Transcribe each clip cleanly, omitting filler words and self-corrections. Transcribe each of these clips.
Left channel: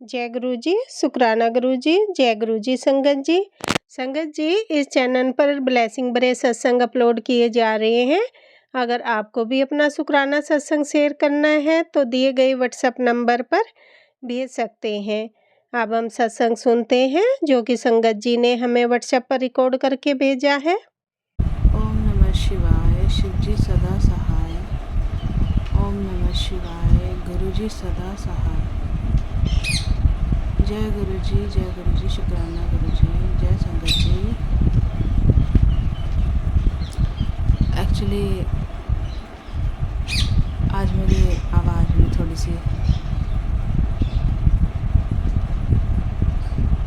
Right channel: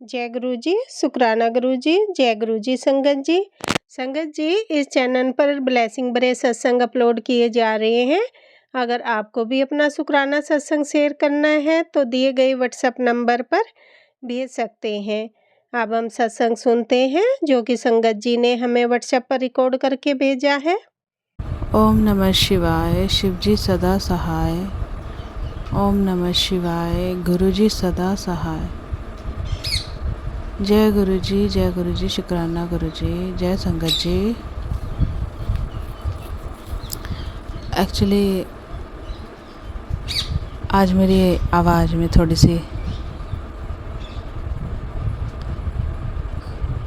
जय गुरु जी, शुक्राना गुरु जी, जय गुरु जी संगत जी। संगत जी, इस चैनल पर ब्लेसिंग भरे सत्संग अपलोड किए जा रहे हैं। अगर आपको भी अपना शुक्राना सत्संग शेयर करना है तो दिए गए व्हाट्सएप नंबर पर भेज सकते हैं। अब हम सत्संग सुनते हैं जो कि संगत जी ने हमें व्हाट्सएप पर रिकॉर्ड करके भेजा है। ओम नमः शिवाय, शिवजी सदा सहाय। ओम नमः शिवाय, गुरुजी सदा सहाय। जय गुरु जी, शुक्राना गुरु जी, जय संगत जी। एक्चुअली आज मेरी आवाज़ में थोड़ी सी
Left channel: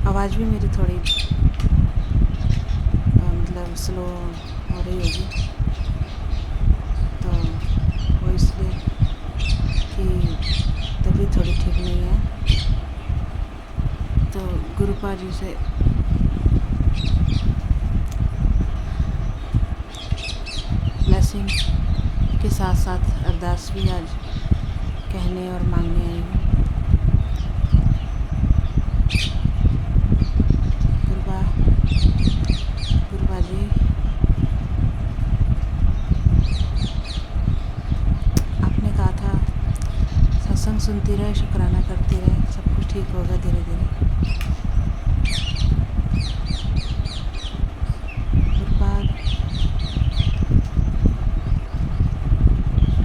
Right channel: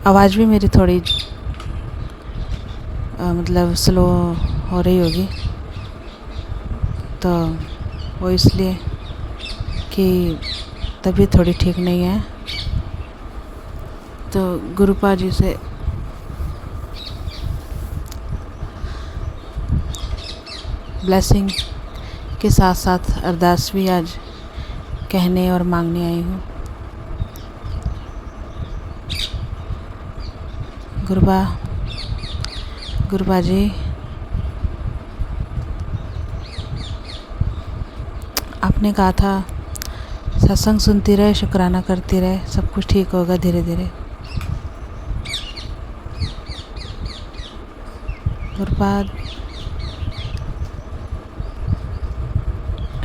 आवाज़ भी मेरी थोड़ी मतलब स्लो हो रही होगी, तो वो इसलिए कि तबीयत थोड़ी ठीक नहीं है। तो गुरुपा जी से ब्लेसिंग के साथ साथ अरदास भी आज कहने और मांगने आई हूँ। गुरुबा जी, आपने कहा था सत्संग सुनती रहे, शुक्राना करती रहे, सब कुछ ठीक होगा धीरे धीरे। गुरुबा,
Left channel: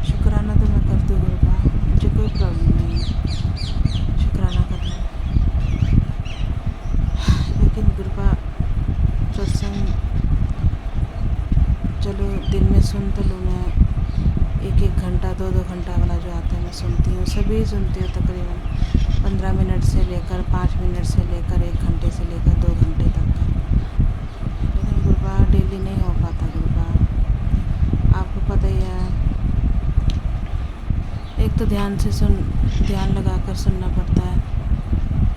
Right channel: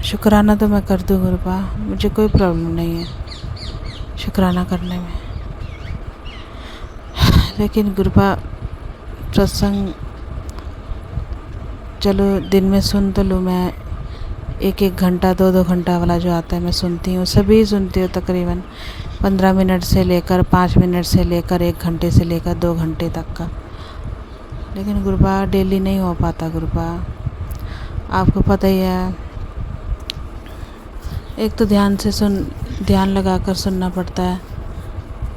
शुक्राना तो मैं कर दूँ गुरुबा, मुझे कोई प्रॉब्लम नहीं है शुक्राना करने में। लेकिन गुरुबा, सत्संग चलो दिन में सुन तो लूँ मैं, एक घंटा 2 घंटा वाला जो आता है मैं सुनती हूँ, सभी सुनती हूँ तकरीबन 15 मिनट से लेकर 5 मिनट से लेकर 1 घंटे से लेकर 2 घंटे तक का। लेकिन गुरुबा डेली नहीं हो पाता गुरुबा, आपको पता ही है। एक तो ध्यान लगाकर सुनना पड़ता है,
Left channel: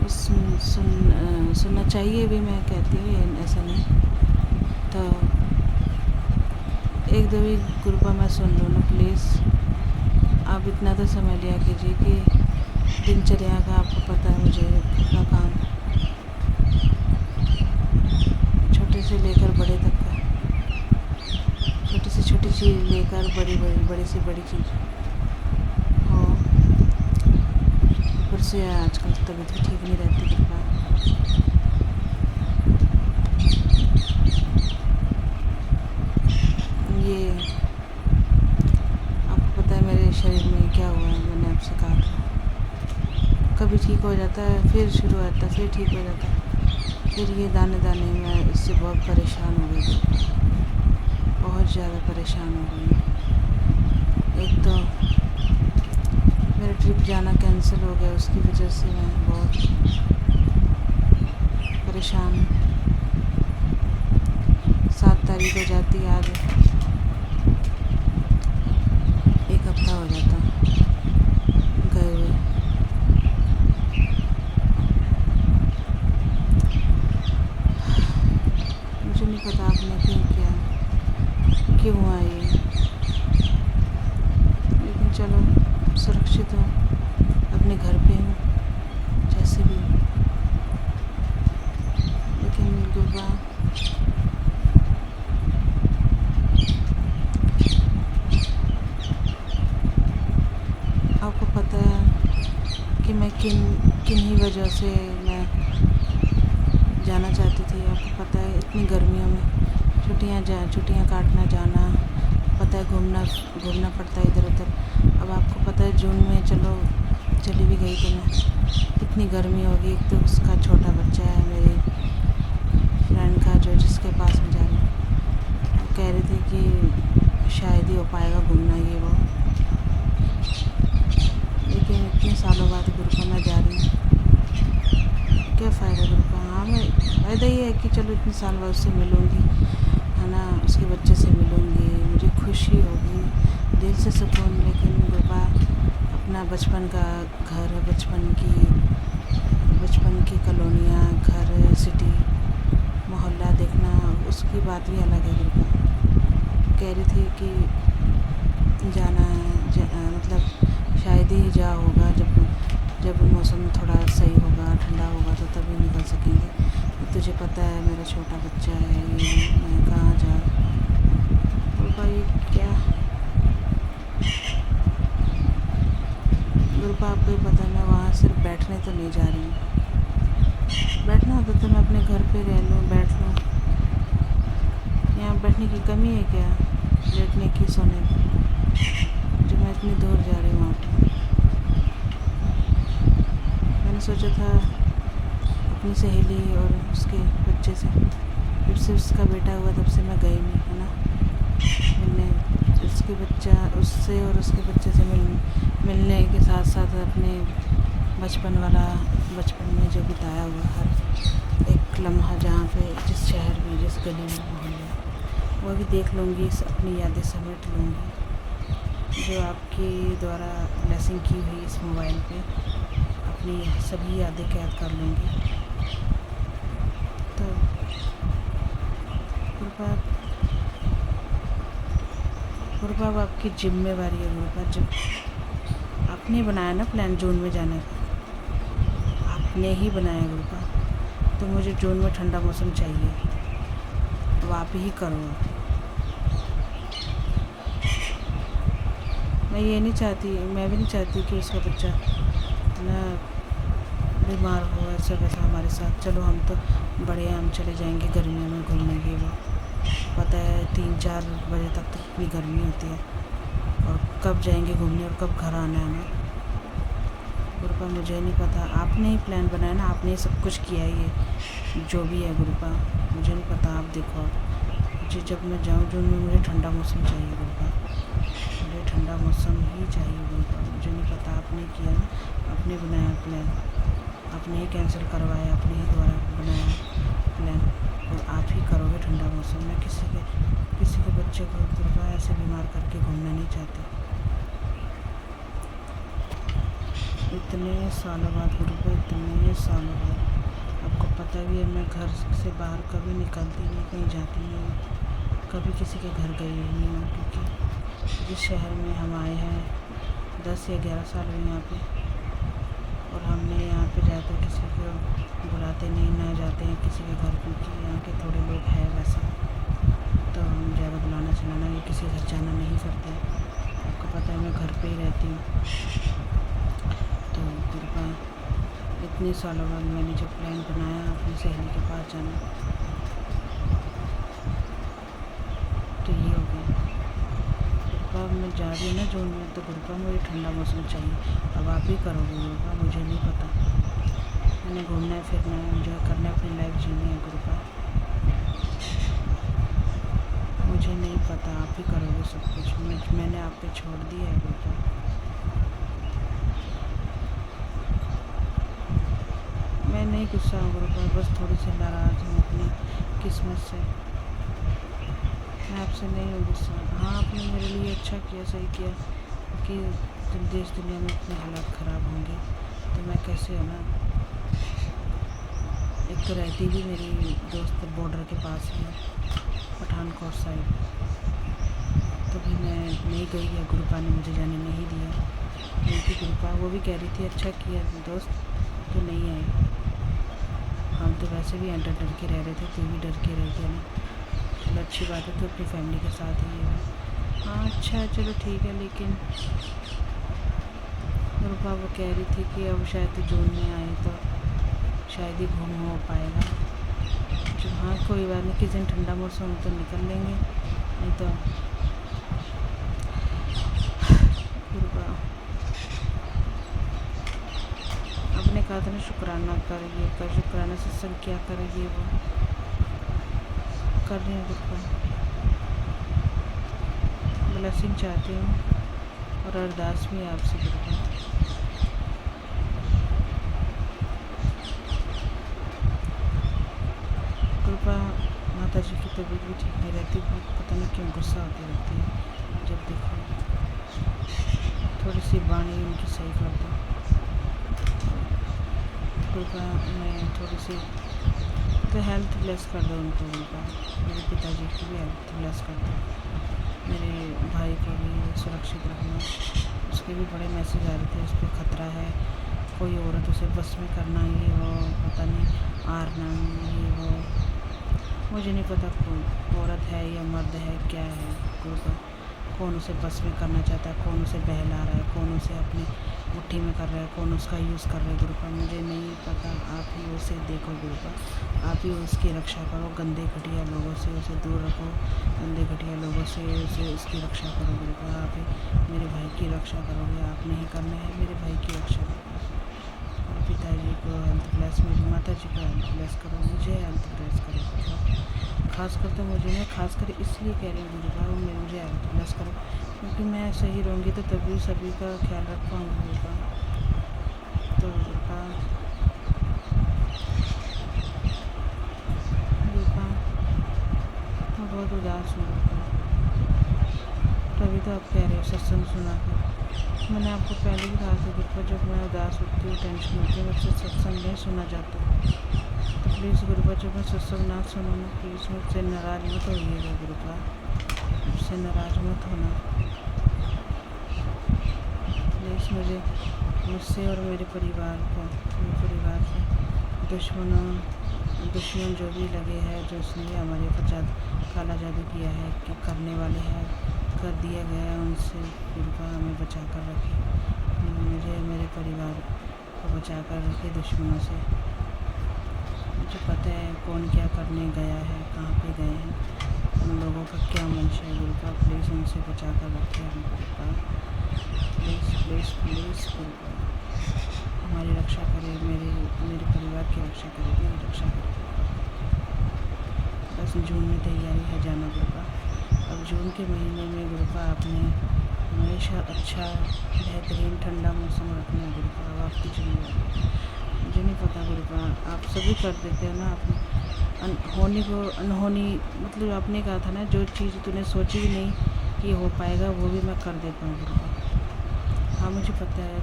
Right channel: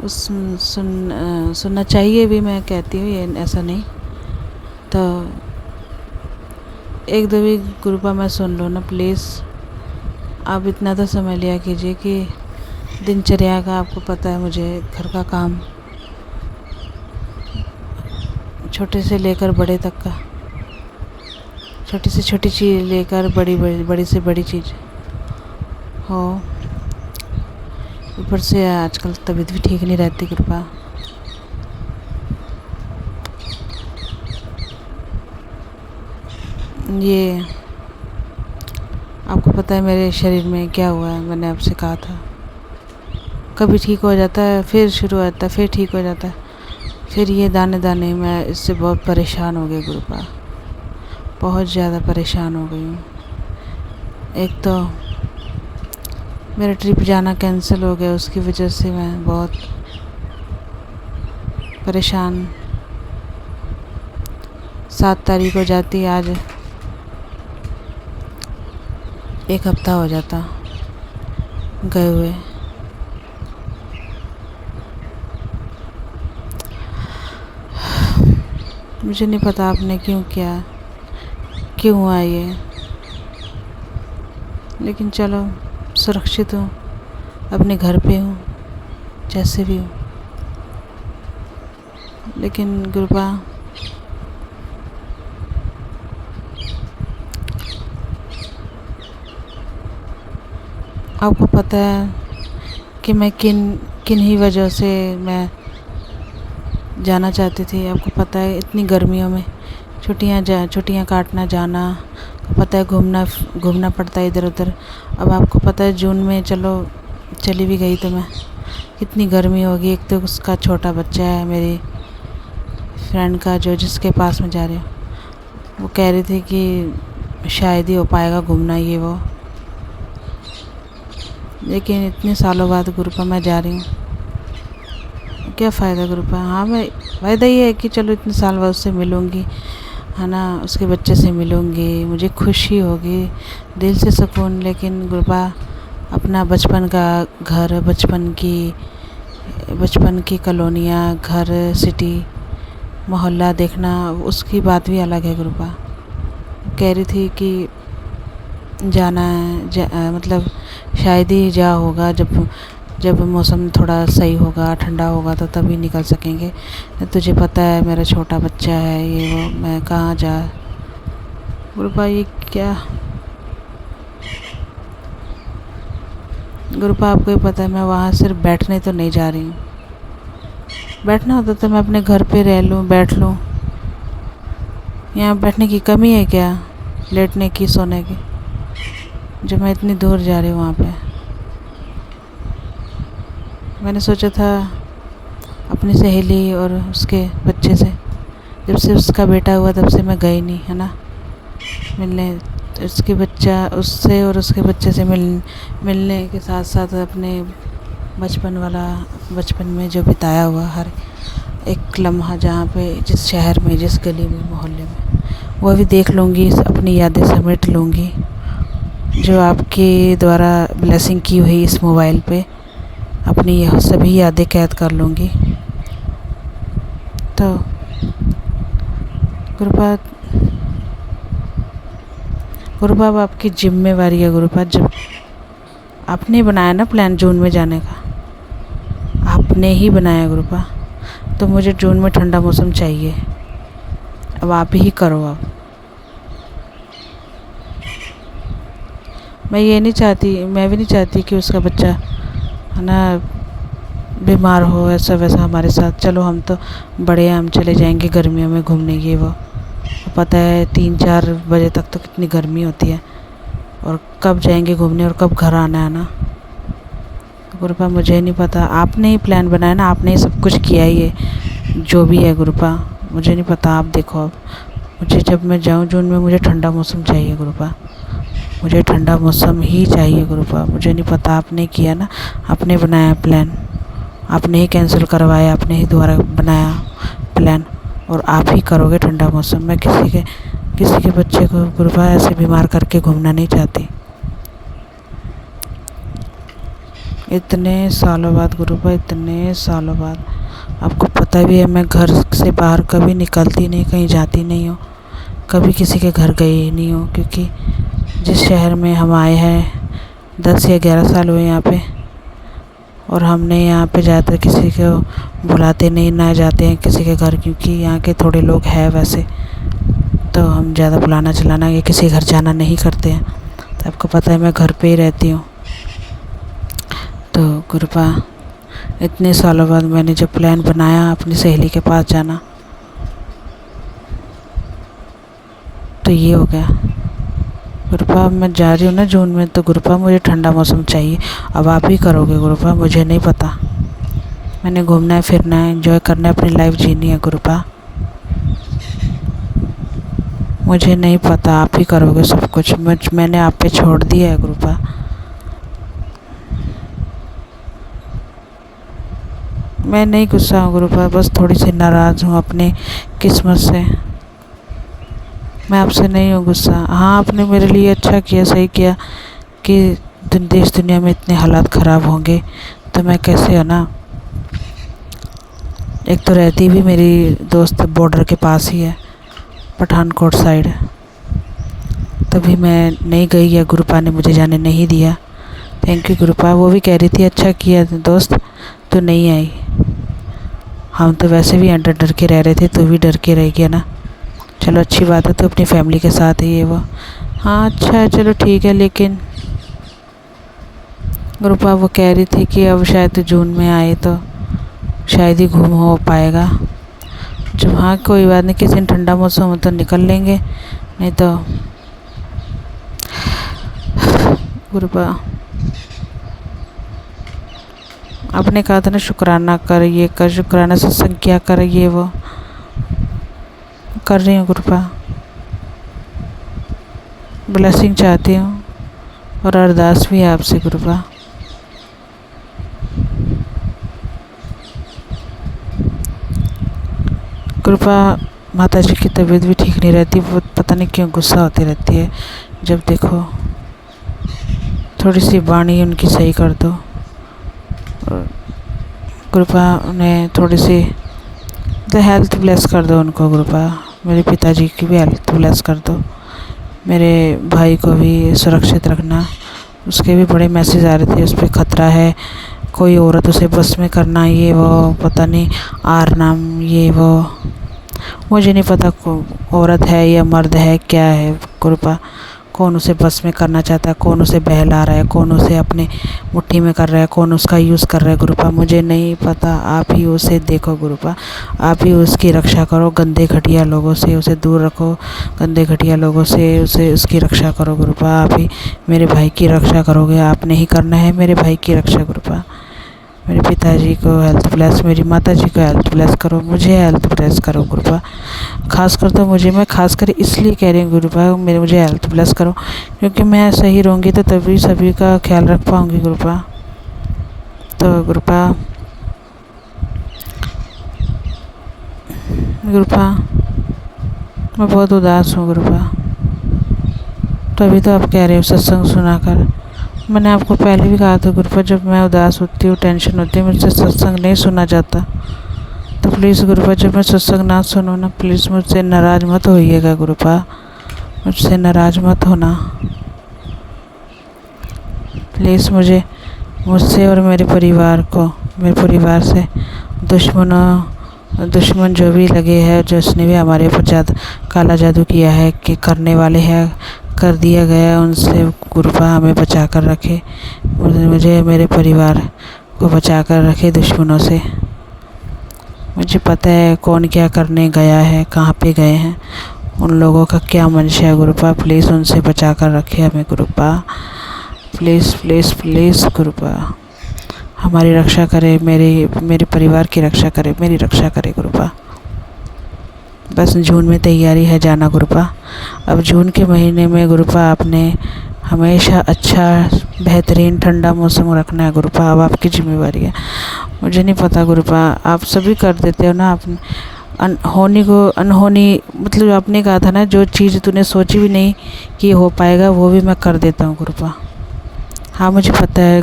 सुनना चाहिए भी, मैं कहती हूँ ये ऐसा नहीं। तो 1-2 भी गुरुपा मैं सुन लूँ ना प्लीज़। आप इतना तो समझ लिया कीजिए कि दिनचर्या का आपको पता है, मुझे घर का काम छोटे से लेकर बड़े तक का, छोटी से छोटी चीज़ लेकर बड़ी से बड़ी चीज़ हो। ऊपर से आजकल तबीयत भी ठीक नहीं रहती कृपा। ये आपको पता है मेरे शरीर में क्या हुआ है, मैंने आपसे कहा था। कभी ठीक हो जाता है, फिर शुरू होता है, फिर ठीक हो जाता है, फिर ये दाने दाने। मैं इससे बहुत परेशान हो गई गुरुपा, बहुत ज़्यादा परेशान हो गई हूँ। एक तो मेरा ट्रिप जाना कैंसिल हो गया, उसकी वजह से मैं बहुत परेशान। 7 तारीख को जाती, आज 1 हफ्ता हो जाता गए हुए। मुझे नहीं पता आपने क्यों किया, क्यों हुआ ये, लेकिन चलो सुरक्षित हूँ, अपने घर पे हूँ, जैसे भी हूँ। लेकिन गुरुबा, आपको पता है कि मैं किन ही वजह से मैं जाना चाहती थी। आपको पता है इतनी गर्मियों में छुट्टियाँ काटना जाना, पता है घूमना पड़ता है इधर उधर। अब आपको पता है जून में चलो चली भी गई तो मैं, कितनी गर्मी होगी। एक तो उसका छोटा बच्चा है मेरी फ्रेंड का, जो जिसके पास में जा रही हूँ, वो कह रही थी कि शायद ही हो पाएगा घूमना ये वो। लेकिन इतने सालों बाद गुरुपा मैं जा रही हूँ, क्या फ़ायदा गुरुपा। हाँ, मैं फ़ायदा ये है कि चलो इतने साल बाद उससे मिलूँगी, है ना, उसके बच्चे से मिलूँगी, मुझे खुशी होगी, दिल से सुकून। लेकिन गुरुपा, अपना बचपन का घर, बचपन की कॉलोनियाँ, घर, सिटी, मोहल्ला देखना, उसकी बात भी अलग है गुरुपा। कह रही थी कि जाना है, मतलब शायद ही जा होगा, जब जब मौसम थोड़ा सही होगा, ठंडा होगा तो तभी निकल सकेंगे। तुझे पता है मेरा छोटा बच्चा है, ये वो, मैं कहाँ जा। गुरुपा ये क्या गुरुपा, आपको ही पता है मैं वहाँ सिर्फ बैठने तो नहीं जा रही हूँ। बैठना होता तो मैं अपने घर पे रह लूँ, बैठ लूँ। यहाँ बैठने की कमी है क्या, लेटने की, सोने की, जब मैं इतनी दूर जा रही हूँ वहाँ पे। मैंने सोचा था अपनी सहेली और उसके बच्चे से, जब से उसका बेटा हुआ तब से मैं गई नहीं, है ना, मिलने। उसके बच्चा उससे और उसके बच्चे से मिलने के साथ साथ अपने बचपन में जो बिताया हुआ हर एक लम्हा, जहाँ पे, जिस शहर में, जिस गली में, मोहल्ले में, वो भी देख लूँगी, अपनी यादें समेट लूँगी, जो आपके द्वारा ब्लेसिंग की हुई इस मोबाइल पे अपनी यह सभी यादें कैद कर लूँगी। तो गुरुपा अब आपकी जिम्मेवारी है गुरुपा। जब आपने बनाया ना प्लान जून में जाने का, आपने ही बनाया गुरुपा, तो मुझे जून में ठंडा मौसम चाहिए। अब आप ही करो। अब मैं भी नहीं चाहती कि उसका बच्चा, है ना, बीमार हो, ऐसा वैसा हमारे साथ। चलो हम तो बड़े हैं, हम चले जाएंगे गर्मियों में घूमने, ये वो। पता है 3-4 बजे तक तो कितनी गर्मी होती है, और कब जाएंगे घूमने और कब घर आना है ना। गुरुपा मुझे नहीं पता, आपने ही प्लान बनाया ना, आपने ही सब कुछ किया ही है, जो भी है गुरुपा, मुझे नहीं पता। आप देखो, अब मुझे, जब मैं जाऊँ जून में, मुझे ठंडा मौसम चाहिए गुरुपा, मुझे ठंडा मौसम ही चाहिए गुरुपा। मुझे नहीं पता, आपने किया ना, आपने बनाया प्लान, आपने ही कैंसिल करवाया, आपने ही दोबारा बनाया प्लान, और आप ही करोगे ठंडा मौसम। मैं किसी के बच्चे को गुरुपा ऐसे बीमार करके घूमना नहीं चाहती। इतने सालों बाद गुरुपा, इतने सालों बाद। आपको पता भी है मैं घर से बाहर कभी निकलती नहीं, कहीं जाती नहीं हूँ, कभी किसी के घर गई नहीं हूँ, क्योंकि जिस शहर में हम आए हैं 10 या 11 साल हुए यहाँ पे, और हमने यहाँ पे ज़्यादातर किसी को बुलाते नहीं, ना जाते हैं किसी के घर, क्योंकि यहाँ के थोड़े लोग हैं वैसे, तो हम ज़्यादा बुलाना चलाना या किसी घर जाना नहीं करते हैं। तो आपको पता है मैं घर पे ही रहती हूँ। तो गुरुपा, इतने सालों बाद मैंने जब प्लान बनाया अपनी सहेली के पास जाना, तो ये हो गया गुरुपा। मैं जा रही हूँ ना जून में, तो गुरुपा मुझे ठंडा मौसम चाहिए। अब आप ही करोगे गुरुपा, मुझे नहीं पता। मैंने घूमना है, फिरना है, एंजॉय करना है, अपनी लाइफ जीनी है गुरुपा। मुझे नहीं पता, आप ही करोगे सब कुछ। मैंने आप पे छोड़ दिया है गुरुपा। मैं नहीं गुस्सा हूँ गुरुपा, बस थोड़ी सी नाराज़ हूँ अपनी किस्मत से। मैं आपसे नहीं हूँ गुस्सा। हाँ, आपने मेरे लिए अच्छा किया, सही किया कि देश दुनिया में इतने हालात ख़राब होंगे तो मैं कैसे, है ना। एक तो रहती भी मेरी दोस्त बॉर्डर के पास ही है, पठानकोट साइड, तभी मैं नहीं गई, या गुरुपा ने मुझे जाने नहीं दिया। Thank you गुरुपा। वो भी कह रही थी अच्छा किया दोस्त तो नहीं आई, हम तो वैसे भी डर डर के रह रहे थे, तो भी डर के रह गया ना। चलो अच्छी बात है, तो अपनी फैमिली के साथ ही है वो। हाँ अच्छा है, चलो ठीक है। लेकिन गुरुपा वो कह रही थी कि अब शायद जून में आए तो शायद ही घूम हो पाएगा। जब, हाँ कोई बात नहीं, किसी दिन ठंडा मौसम हो तो निकल लेंगे, नहीं तो गुरुपा आपने कहा था ना शुक्राना कर, ये कर, शुक्राना सत्संग क्या कर, ये वो कर रही हूँ गुरुपा। ब्लेसिंग चाहती हूँ और अरदास भी है आपसे गुरुपा। गुरुपा माता जी की तबीयत भी ठीक नहीं रहती, वो पता नहीं क्यों गुस्सा होती रहती है जब देखो। थोड़ी सी वाणी उनकी सही कर दो, गुरुपा उन्हें थोड़ी सी हेल्थ ब्लेस कर दो उनको गुरुपा। मेरे पिताजी की भी हेल्थ ब्लेस कर दो, मेरे भाई को भी सुरक्षित रखना। उसके भी बड़े मैसेज आ रहे थे, उस पर ख़तरा है, कोई औरत उसे बस में करना, ये वो पता नहीं आर नाम ये वो, मुझे नहीं पता औरत है या मर्द है क्या है गुरुपा। कौन उसे बस में करना चाहता है, कौन उसे बहला रहा है, कौन उसे अपनी मुट्ठी में कर रहा है, कौन उसका यूज़ कर रहा है गुरुपा, मुझे नहीं पता। आप ही उसे देखो गुरुपा, आप ही उसकी रक्षा करो, गंदे घटिया लोगों से उसे दूर रखो, गंदे घटिया लोगों से उसे उसकी रक्षा करो गुरुपा। आप ही मेरे भाई की रक्षा करोगे, आपने ही करना है मेरे भाई की रक्षा गुरुपा। मेरे पिताजी को हेल्थ ब्लेस, मेरी माताजी को हेल्थ ब्लेस करो, मुझे हेल्थ ब्लेस करो गुरुपा। खासकर तो मुझे, मैं खासकर इसलिए कह रही हूँ गुरुपा, मुझे हेल्थ ब्लेस करो, क्योंकि मैं सही रहूँगी तो तभी सभी का ख्याल रख पाऊँगी गुरुपा। तो गुरुपा मैं बहुत उदास हूँ गुरुपा। तभी तो आप कह रहे हो सत्संग सुनाकर। मैंने आपको पहले भी कहा था गुरुपा, जब मैं उदास होती हूँ, टेंशन होती है, मुझसे सत्संग नहीं सुना जाता। तो प्लीज़ गुरुपा, जब मैं सत्संग ना सुनूँ ना, प्लीज़ मुझसे नाराज़ मत होइएगा गुरुपा, मुझसे नाराज़ मत होना प्लीज़। मुझसे और मेरे परिवार को, मेरे परिवार से दुश्मन जो भी लगे हैं, जिसने भी हमारे ऊपर काला जादू किया है, कि करने वाले हैं, कर दिया गया, उनसे गुरुपा हमें बचा कर रखे, मुझे मेरे परिवार को बचा कर रखे दुश्मनों से। मुझे पता है कौन क्या करने गया है, कहाँ पे गए हैं, उन लोगों का क्या मंशा है गुरुपा। प्लीज़ उनसे बचा कर रखे हमें गुरुपा, प्लीज़ प्लीज़ प्लीज़ गुरुपा। हमारी रक्षा करे, मेरे परिवार की रक्षा करे, मेरी रक्षा करे गुरुपा। बस जून में तैयारी है जाना गुरुपा। अब जून के महीने में गुरुपा आपने हमेशा अच्छा बेहतरीन ठंडा मौसम रखना है गुरुपा, अब आपकी जिम्मेवारी है। मुझे नहीं पता गुरुपा, आप सभी कर देते हो ना, आप अनहोनी को अनहोनी, मतलब आपने कहा था ना, जो चीज़ तूने सोची भी नहीं कि हो पाएगा वो भी मैं कर देता हूँ गुरुपा। हाँ मुझे पता है,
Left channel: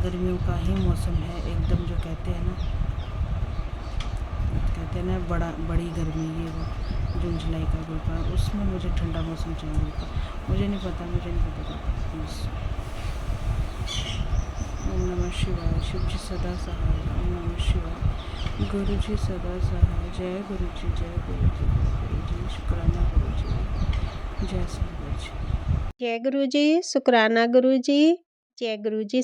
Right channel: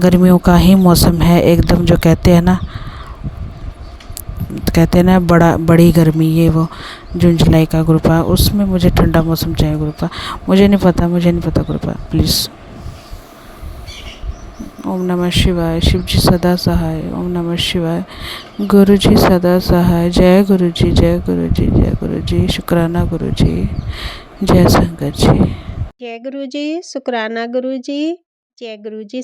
गर्मियों का ही मौसम है एकदम, जो कहते हैं ना बड़ी गर्मी, ये वो जून जुलाई का गुरुपा, उसमें मुझे ठंडा मौसम चाहिए गुरुपा। मुझे नहीं पता गुरुपा, प्लीज़। ओम नमः शिवाय। शिव जी सदा सहाय। ओम नमः शिवाय। गुरु जी सदा सहाय। जय गुरु जी, जय गुरु जी, जय गुरु जी। शुक्राना गुरु जी, जय संगत जी। जय गुरु जी, शुक्राना गुरु जी, जय गुरु जी।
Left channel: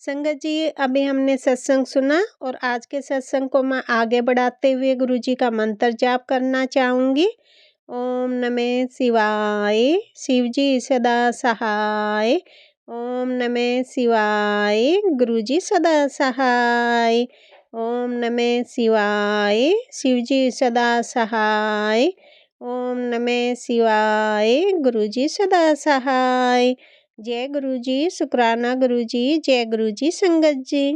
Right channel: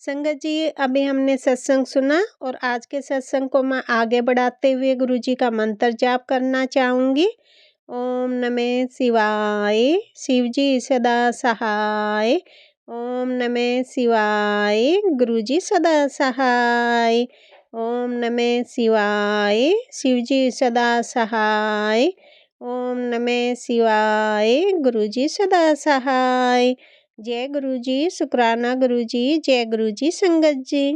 संगत जी, अभी हमने सत्संग सुना और आज के सत्संग को मैं आगे बढ़ाते हुए गुरु जी का मंत्र जाप करना चाहूँगी। ओम नमः शिवाय। शिव जी सदा सहाय। ओम नमः शिवाय। गुरु जी सदा सहाय। ओम नमः शिवाय। शिव जी सदा सहाय। ओम नमः शिवाय। गुरु जी सदा सहाय। जय गुरु जी, शुक्राना गुरु जी, जय गुरु जी। संगत जी।